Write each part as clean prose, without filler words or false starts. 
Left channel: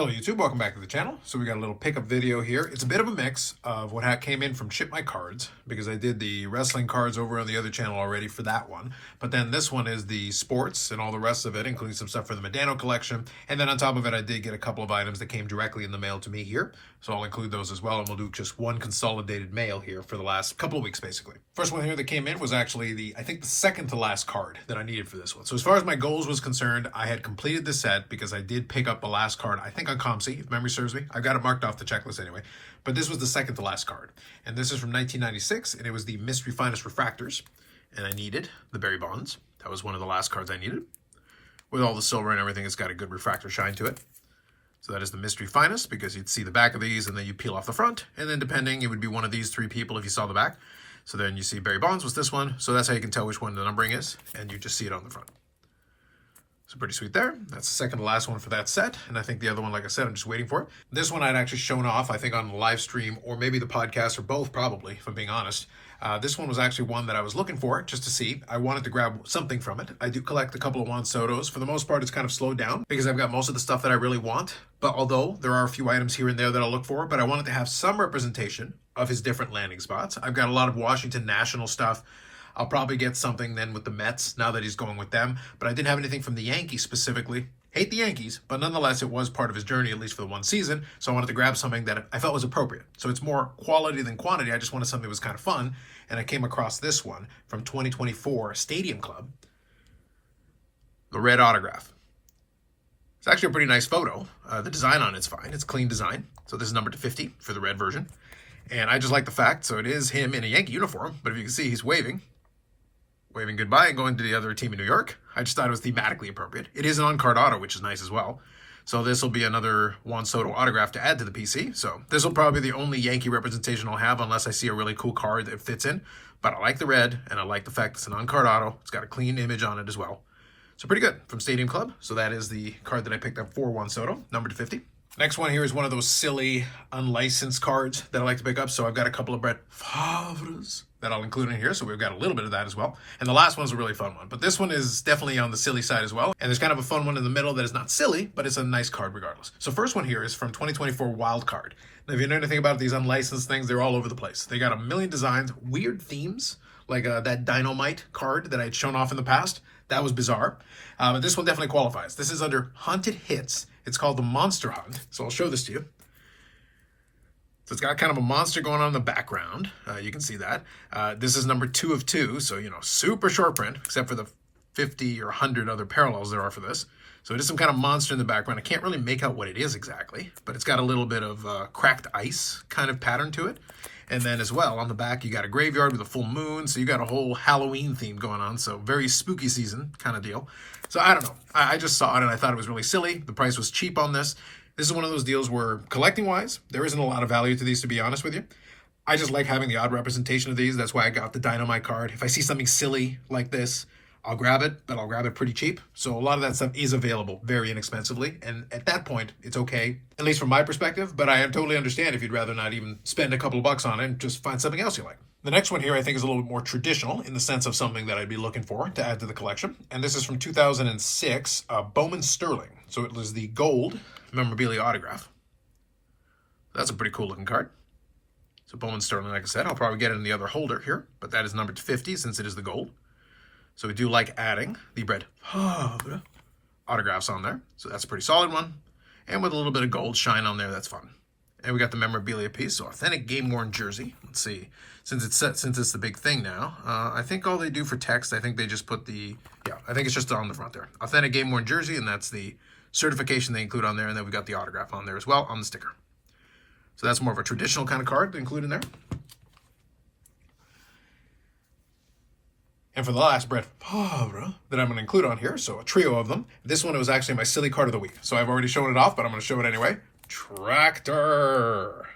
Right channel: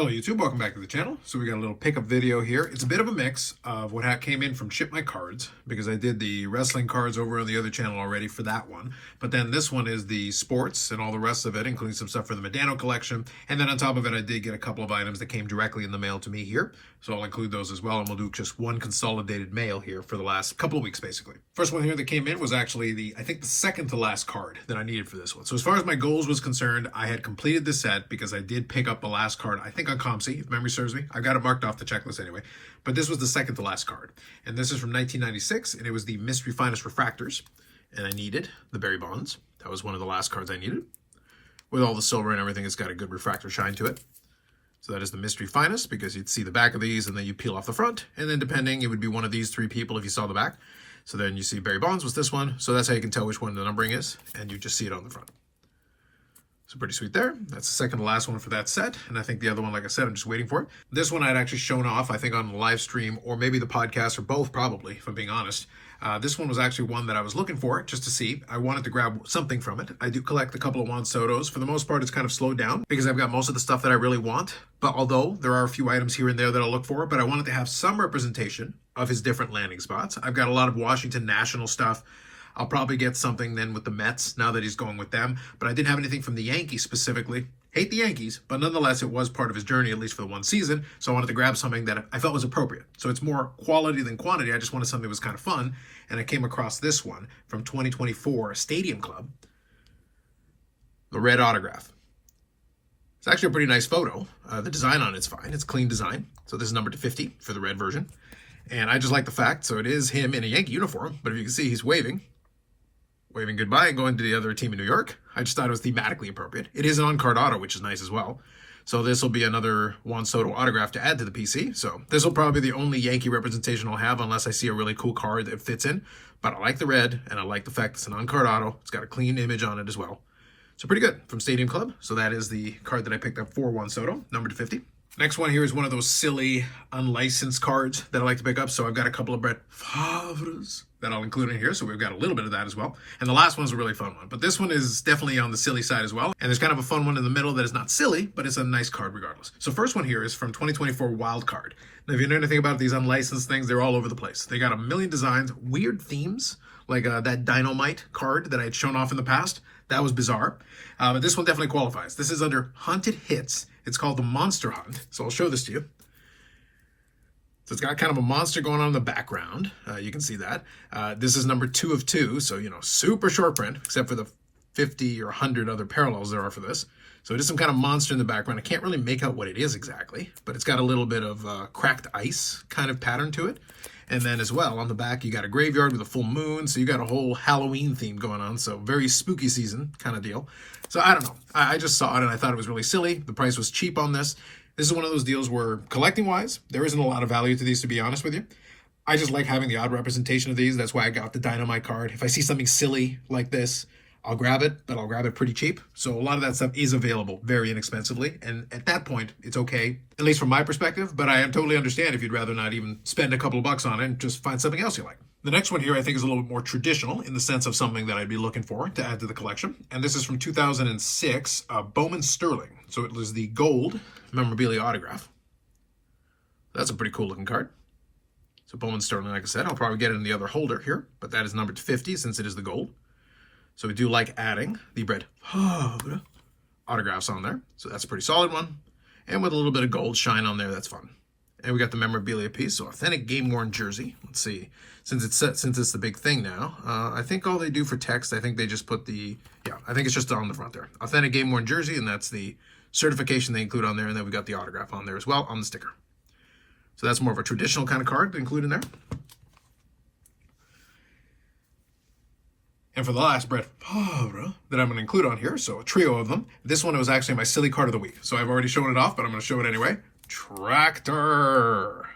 Hello YouTube, welcome back to the channel. So we got a little pickup video here. It's a bit of a mix of what came in from ShipmyCards, because I did the wrestling cards over on the other channel already for that one. But then this one is the sports and all the rest of it, including some stuff for the Medano collection. And then on top of it, I did get a couple of items that came directly in the mail to me here. So I'll include those as well, and we'll do just one consolidated mail here for the last couple of weeks, basically. First one here that came in was actually I think the second to last card that I needed for this one. So as far as my goals was concerned, I had completed the set because I did pick up the last card, I think on ComC, if memory serves me. I've got it marked off the checklist anyway. But this was the second to last card. And this is from 1996, and it was the Mystery Finest Refractors. And I needed the Barry Bonds. That was one of the last cards I needed. With all the silver and everything, it's got a good refractor shine to it. So that is the Mystery Finest, because you'd see the back of these and then you peel off the front. And then depending, it would be one of these three people if you saw the back. So then you see Barry Bonds was this one. So that's how you can tell which one the numbering is. And you just see it on the front. So pretty sweet there. That's the second to last one for that set. And I think the other one, like I said, I'm just waiting for it. This one I'd actually shown off, I think on the live stream or maybe the podcast, or both probably, if I'm being honest. This one was actually one that I was looking for just to see. I wanted to grab something from it. I do collect a couple of Juan Sotos. For the most part, it's kind of slowed down because I've got most of the stuff that I really want. But although there are a few items here and there that I'll look for, but I wanted to have some representation of his different landing spots. I've got a lot of Washington National stuff. I'll probably get something then with the Mets now that he's going with them. But I didn't have anything from the Yankees specifically. Hate the Yankees, but nonetheless, it was part of his journey, at least for the one season. So I wanted to grab something that I felt was appropriate. So it's more quality than quantity. I just wanted something that was kind of fun. And I came across this one from 2024 Stadium Club. The red autograph. It's actually a pretty nice photo. The design on it's fine. It's clean design. So this is numbered to 50 for the red version. And I just like the fact, so it is him in a Yankee uniform. But if you can see, he's waving goodbye and going to the other team in New York. I just thought it was thematically appropriate. It is an on-card auto, which is nice as well. So this will be another Juan Soto autograph to add to the PC. So this will probably be the only Yankee representation I'll have unless I see a really cool card that fits in. But I like the red, and I like the fact it's an on-card auto. It's got a clean image on it as well. So pretty good from Stadium Club. So that is the card that I picked up for Juan Soto, numbered to 50. Next one here is one of those silly, unlicensed cards that I like to pick up. So I've got a couple of Brett Favres that I'll include in here. So we've got a little bit of that as well. And the last one's a really fun one. But this one is definitely on the silly side as well. And there's kind of a fun one in the middle that is not silly, but it's a nice card regardless. So first one here is from 2024 Wild Card. Now, if you know anything about these unlicensed things, they're all over the place. They got a million designs, weird themes, like that Dynamite card that I had shown off in the past. That was bizarre. But this one definitely qualifies. This is under Haunted Hits. It's called the Monster Hunt. So I'll show this to you. So it's got kind of a monster going on in the background. You can see that. This is number 2 of 2. So, super short print, except for the 50 or 100 other parallels there are for this. So it is some kind of monster in the background. I can't really make out what it is exactly, but it's got a little bit of cracked ice kind of pattern to it. And then as well, on the back, you got a graveyard with a full moon. So you got a whole Halloween theme going on. So very spooky season kind of deal. So I don't know. I just saw it and I thought it was really silly. The price was cheap on this. This is one of those deals where collecting-wise, there isn't a lot of value to these, to be honest with you. I just like having the odd representation of these. That's why I got the Dynamite card. If I see something silly like this, I'll grab it, but I'll grab it pretty cheap. So a lot of that stuff is available very inexpensively. And at that point, it's okay, at least from my perspective. But I totally understand if you'd rather not even spend a couple of bucks on it and just find something else you like. The next one here I think is a little bit more traditional in the sense of something that I'd be looking for to add to the collection. And this is from 2006, Bowman Sterling. So it was the gold memorabilia autograph. That's a pretty cool looking card. So Bowman Sterling, like I said, I'll probably get it in the other holder here, but that is numbered to 50 since it is the gold. So we do like adding the Brett Favre autographs on there. So that's a pretty solid one. And with a little bit of gold shine on there, that's fun. And we got the memorabilia piece, so authentic game-worn jersey. Let's see, since it's the big thing now, I think all they do for text, I think they just put I think it's just on the front there. Authentic game-worn jersey, and that's the certification they include on there, and then we got the autograph on there as well on the sticker. So that's more of a traditional kind of card to include in there. And for the last Brett Favre that I'm going to include on here, so a trio of them. This one was actually my silly card of the week. So I've already shown it off, but I'm going to show it anyway. Tractor.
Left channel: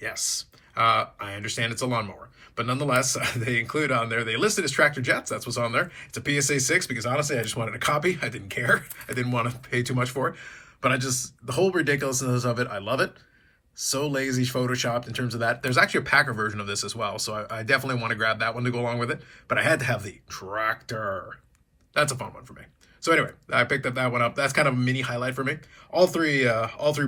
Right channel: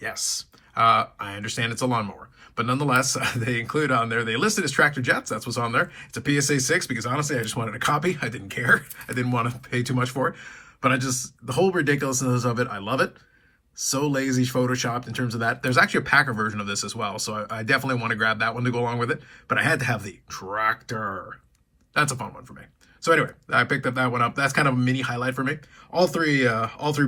Yes, I understand it's a lawnmower, but nonetheless, they include on there, they listed as Tractor Jets. That's what's on there. It's a PSA 6 because honestly, I just wanted a copy. I didn't care. I didn't want to pay too much for it, but the whole ridiculousness of it, I love it. So lazy photoshopped in terms of that. There's actually a Packer version of this as well, so I definitely want to grab that one to go along with it, but I had to have the Tractor. That's a fun one for me. So anyway, I picked up that one up. That's kind of a mini highlight for me. All three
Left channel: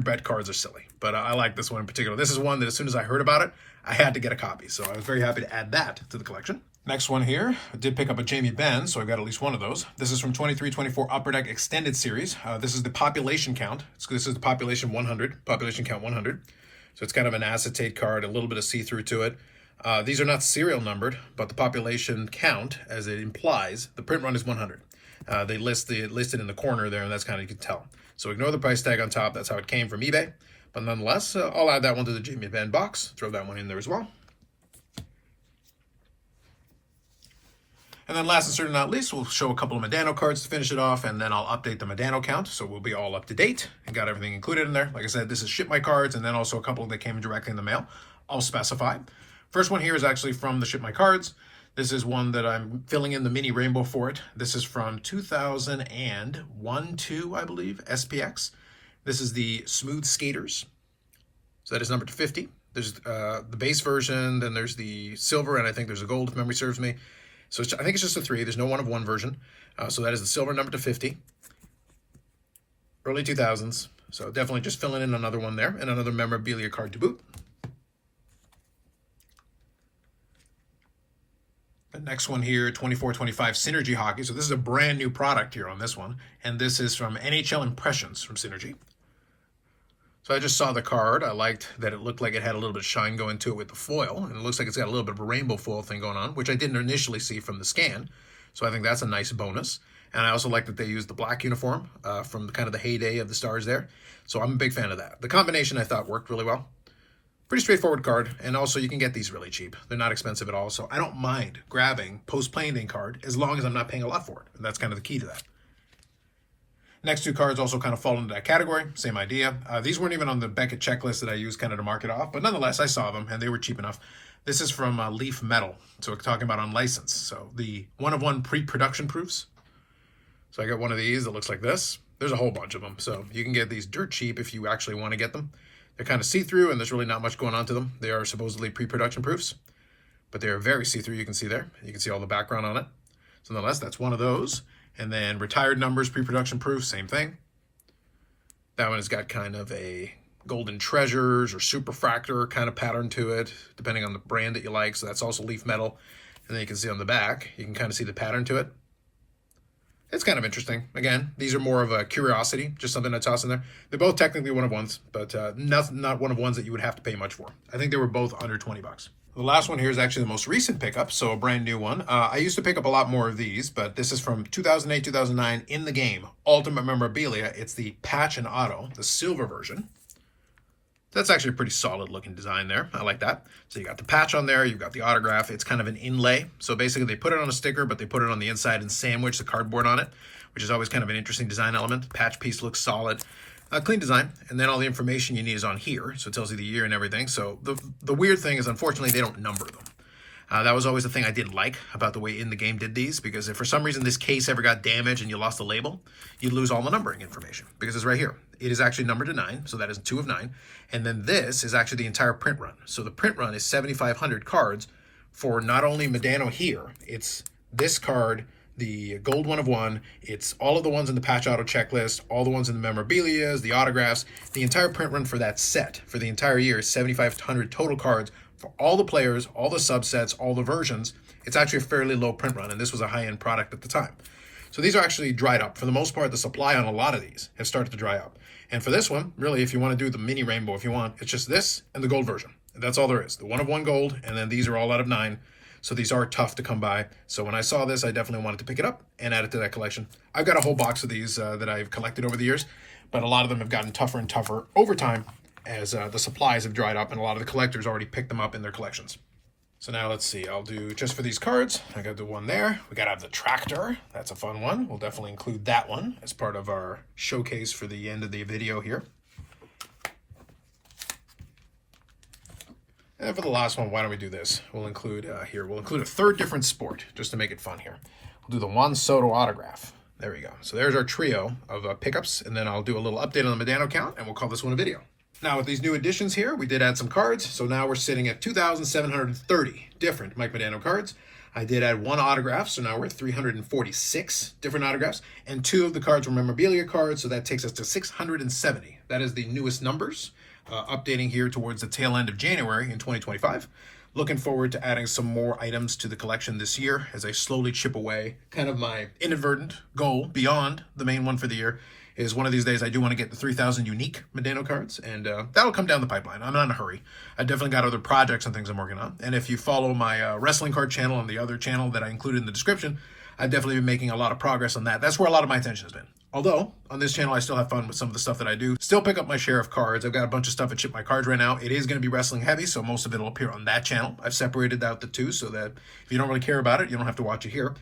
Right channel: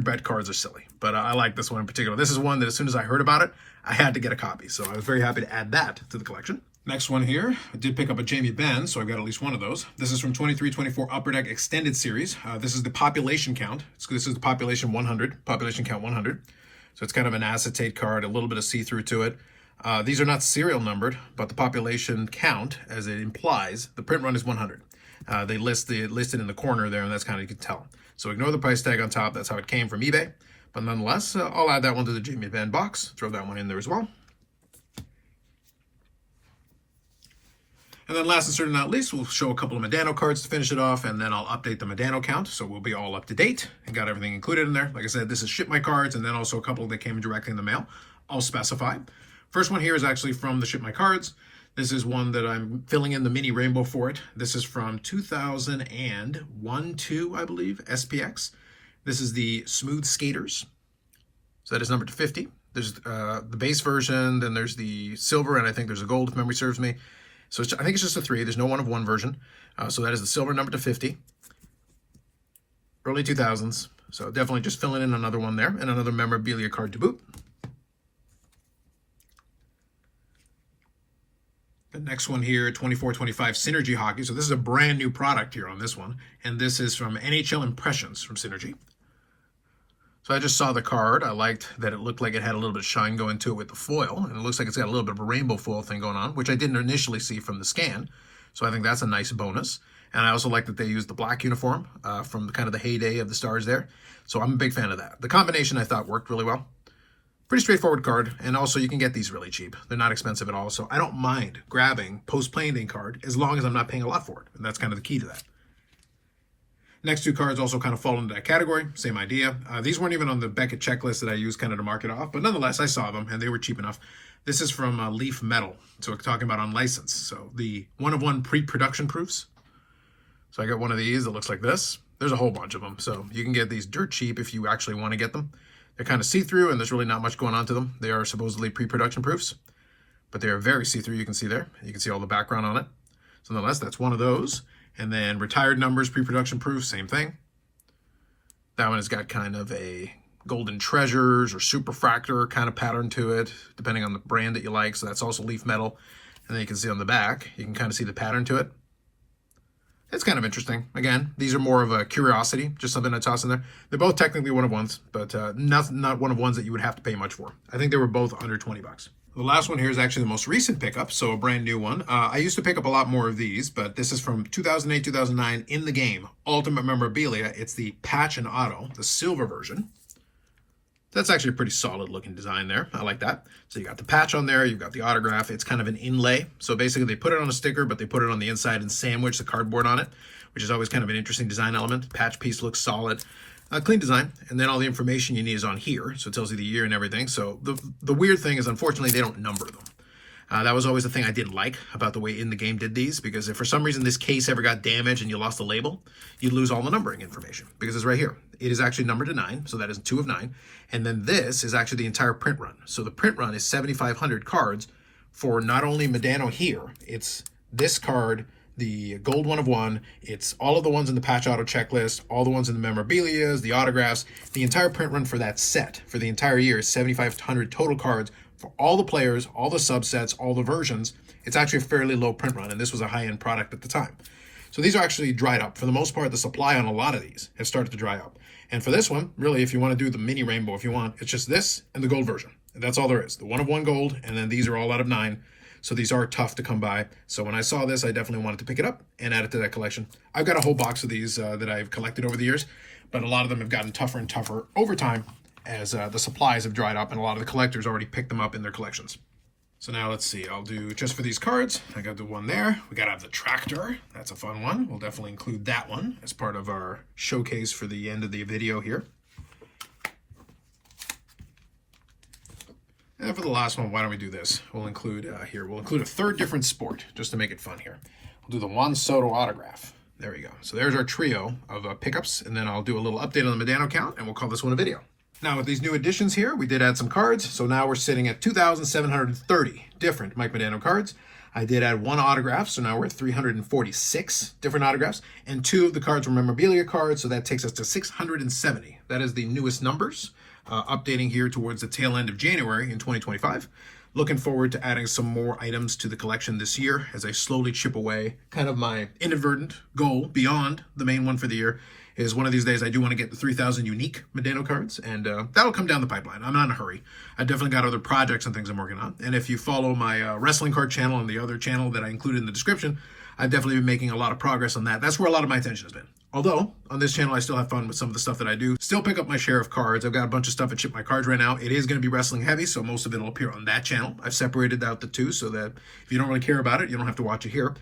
bet cards are silly, but I like this one in particular. This is one that as soon as I heard about it, I had to get a copy. So I was very happy to add that to the collection. Next one here, I did pick up a Jamie Benn, so I've got at least one of those. This is from 23-24 Upper Deck Extended Series. This is the population count. This is the population 100, population count 100. So it's kind of an acetate card, a little bit of see-through to it. These are not serial numbered, but the population count, as it implies, the print run is 100. They listed in the corner there, and that's kind of, you can tell. So ignore the price tag on top. That's how it came from eBay. But nonetheless, I'll add that one to the Jamie Benn box. Throw that one in there as well. And then last and certainly not least, we'll show a couple of Medano cards to finish it off, and then I'll update the Medano count, so we'll be all up to date and got everything included in there. Like I said, this is ShipmyCards, and then also a couple that came directly in the mail. I'll specify. First one here is actually from the ShipmyCards. This is one that I'm filling in the mini rainbow for it. This is from 2001-2, I believe, SPX. This is the Smooth Skaters. So that is numbered to 50. There's the base version, then there's the silver, and I think there's a gold, if memory serves me. So I think it's just a 3. There's no 1 of 1 version. So that is the silver, number to 50. Early 2000s. So definitely just filling in another one there, and another memorabilia card to boot. The next one here, 24-25 Synergy Hockey. So this is a brand new product here on this one. And this is from NHL Impressions from Synergy. So I just saw the card. I liked that it looked like it had a little bit of shine going to it with the foil. And it looks like it's got a little bit of a rainbow foil thing going on, which I didn't initially see from the scan. So I think that's a nice bonus. And I also like that they used the black uniform from the, kind of the heyday of the Stars there. So I'm a big fan of that. The combination I thought worked really well. Pretty straightforward card. And also you can get these really cheap. They're not expensive at all. So I don't mind grabbing post-playing day card as long as I'm not paying a lot for it. And that's kind of the key to that. Next two cards also kind of fall into that category. Same idea. These weren't even on the Beckett checklist that I used kind of to mark it off, but nonetheless, I saw them and they were cheap enough. This is from Leaf Metal. So we're talking about unlicensed. So the 1 of 1 pre-production proofs. So I got one of these that looks like this. There's a whole bunch of them. So you can get these dirt cheap if you actually want to get them. They're kind of see-through and there's really not much going on to them. They are supposedly pre-production proofs, but they are very see-through. You can see there. You can see all the background on it. So nonetheless, that's one of those. And then retired numbers, pre-production proof, same thing. That one has got kind of a golden treasures or superfractor kind of pattern to it, depending on the brand that you like. So that's also Leaf Metal. And then you can see on the back, you can kind of see the pattern to it. It's kind of interesting. Again, these are more of a curiosity, just something to toss in there. They're both technically 1 of 1s, but not 1 of 1s that you would have to pay much for. I think they were both under 20 bucks. The last one here is actually the most recent pickup, so a brand new one. I used to pick up a lot more of these, but this is from 2008-2009 in the game, Ultimate Memorabilia. It's the Patch and Auto, the silver version. That's actually a pretty solid looking design there. I like that. So you got the patch on there, you've got the autograph. It's kind of an inlay. So basically they put it on a sticker, but they put it on the inside and sandwich the cardboard on it, which is always kind of an interesting design element. Patch piece looks solid. Clean design, and then all the information you need is on here, so it tells you the year and everything. So the weird thing is, unfortunately, they don't number them. That was always the thing I didn't like about the way In the Game did these, because if for some reason this case ever got damaged and you lost the label, you'd lose all the numbering information, because it's right here. It is actually numbered to 9, so that is 2 of 9. And then this is actually the entire print run. So the print run is 7,500 cards for not only Medano here, it's this card, the gold 1 of 1, it's all of the ones in the patch auto checklist, all the ones in the memorabilias, the autographs. The entire print run for that set for the entire year is 7,500 total cards for all the players, all the subsets, all the versions. It's actually a fairly low print run, and this was a high-end product at the time. So these are actually dried up. For the most part, the supply on a lot of these have started to dry up. And for this one, really, if you want to do the mini rainbow, if you want, it's just this and the gold version. And that's all there is. The 1 of 1 gold, and then these are all out of 9. So these are tough to come by. So when I saw this, I definitely wanted to pick it up and add it to that collection. I've got a whole box of these that I've collected over the years, but a lot of them have gotten tougher and tougher over time as the supplies have dried up and a lot of the collectors already picked them up in their collections. So now let's see, I'll do just for these cards, I got the one there. We gotta have the tractor. That's a fun one. We'll definitely include that one as part of our showcase for the end of the video here. And for the last one, why don't we do this? We'll include we'll include a third different sport just to make it fun here. We'll do the Juan Soto autograph. There we go. So there's our trio of pickups, and then I'll do a little update on the Medano count, and we'll call this one a video. Now with these new additions here, we did add some cards. So now we're sitting at 2,730 different Mike Medano cards. I did add 1 autograph, so now we're at 346 different autographs, and 2 of the cards were memorabilia cards, so that takes us to 670. That is the newest numbers, updating here towards the tail end of January in 2025. Looking forward to adding some more items to the collection this year as I slowly chip away. Kind of my inadvertent goal beyond the main one for the year is one of these days I do want to get the 3,000 unique Medano cards, and that'll come down the pipeline. I'm not in a hurry. I definitely got other projects and things I'm working on. And if you follow my wrestling card channel and the other channel that I included in the description, I've definitely been making a lot of progress on that. That's where a lot of my attention has been. Although, on this channel, I still have fun with some of the stuff that I do. Still pick up my share of cards. I've got a bunch of stuff at ShipmyCards right now. It is going to be wrestling heavy, so most of it will appear on that channel. I've separated out the two so that if you don't really care about it, you don't have to watch it here.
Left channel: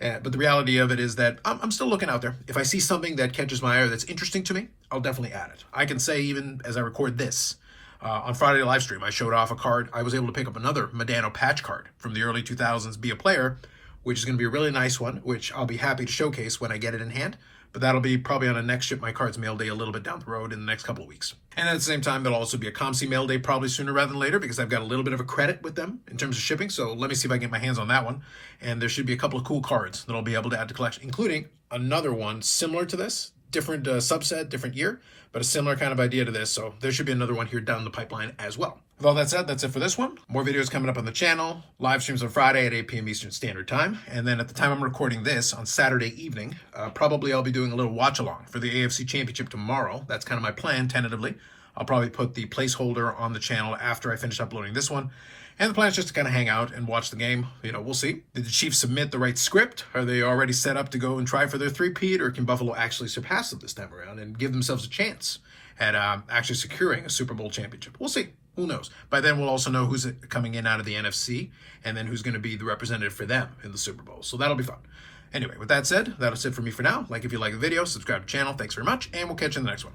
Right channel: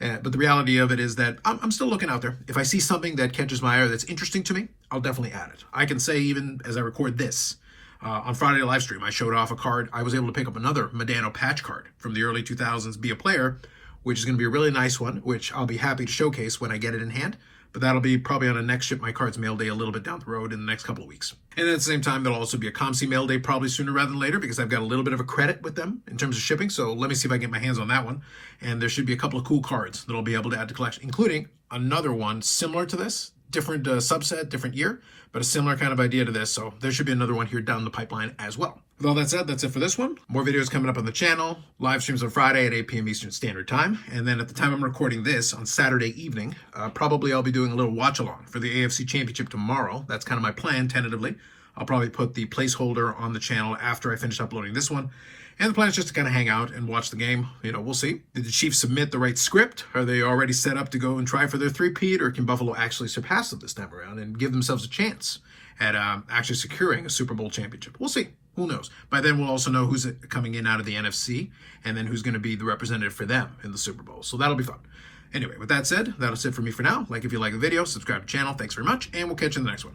But the reality of it is that I'm still looking out there. If I see something that catches my eye or that's interesting to me, I'll definitely add it. I can say even as I record this, on Friday live stream, I showed off a card. I was able to pick up another Medano patch card from the early 2000s, Be a Player, which is going to be a really nice one, which I'll be happy to showcase when I get it in hand. But that'll be probably on a next ShipmyCards mail day a little bit down the road in the next couple of weeks. And then at the same time, there'll also be a ComC mail day probably sooner rather than later because I've got a little bit of a credit with them in terms of shipping. So let me see if I can get my hands on that one. And there should be a couple of cool cards that I'll be able to add to collection, including another one similar to this, different subset, different year, but a similar kind of idea to this. So there should be another one here down the pipeline as well. With all that said, that's it for this one. More videos coming up on the channel. Live streams on Friday at 8 p.m. Eastern Standard Time. And then at the time I'm recording this on Saturday evening, probably I'll be doing a little watch along for the AFC Championship tomorrow. That's kind of my plan tentatively. I'll probably put the placeholder on the channel after I finish uploading this one. And the plan is just to kind of hang out and watch the game. You know, we'll see. Did the Chiefs submit the right script? Are they already set up to go and try for their three-peat? Or can Buffalo actually surpass them this time around and give themselves a chance at actually securing a Super Bowl championship? We'll see. Who knows? By then, we'll also know who's coming in out of the NFC and then who's going to be the representative for them in the Super Bowl. So that'll be fun. Anyway, with that said, that'll it for me for now. Like if you like the video, subscribe to the channel. Thanks very much, and we'll catch you in the next one.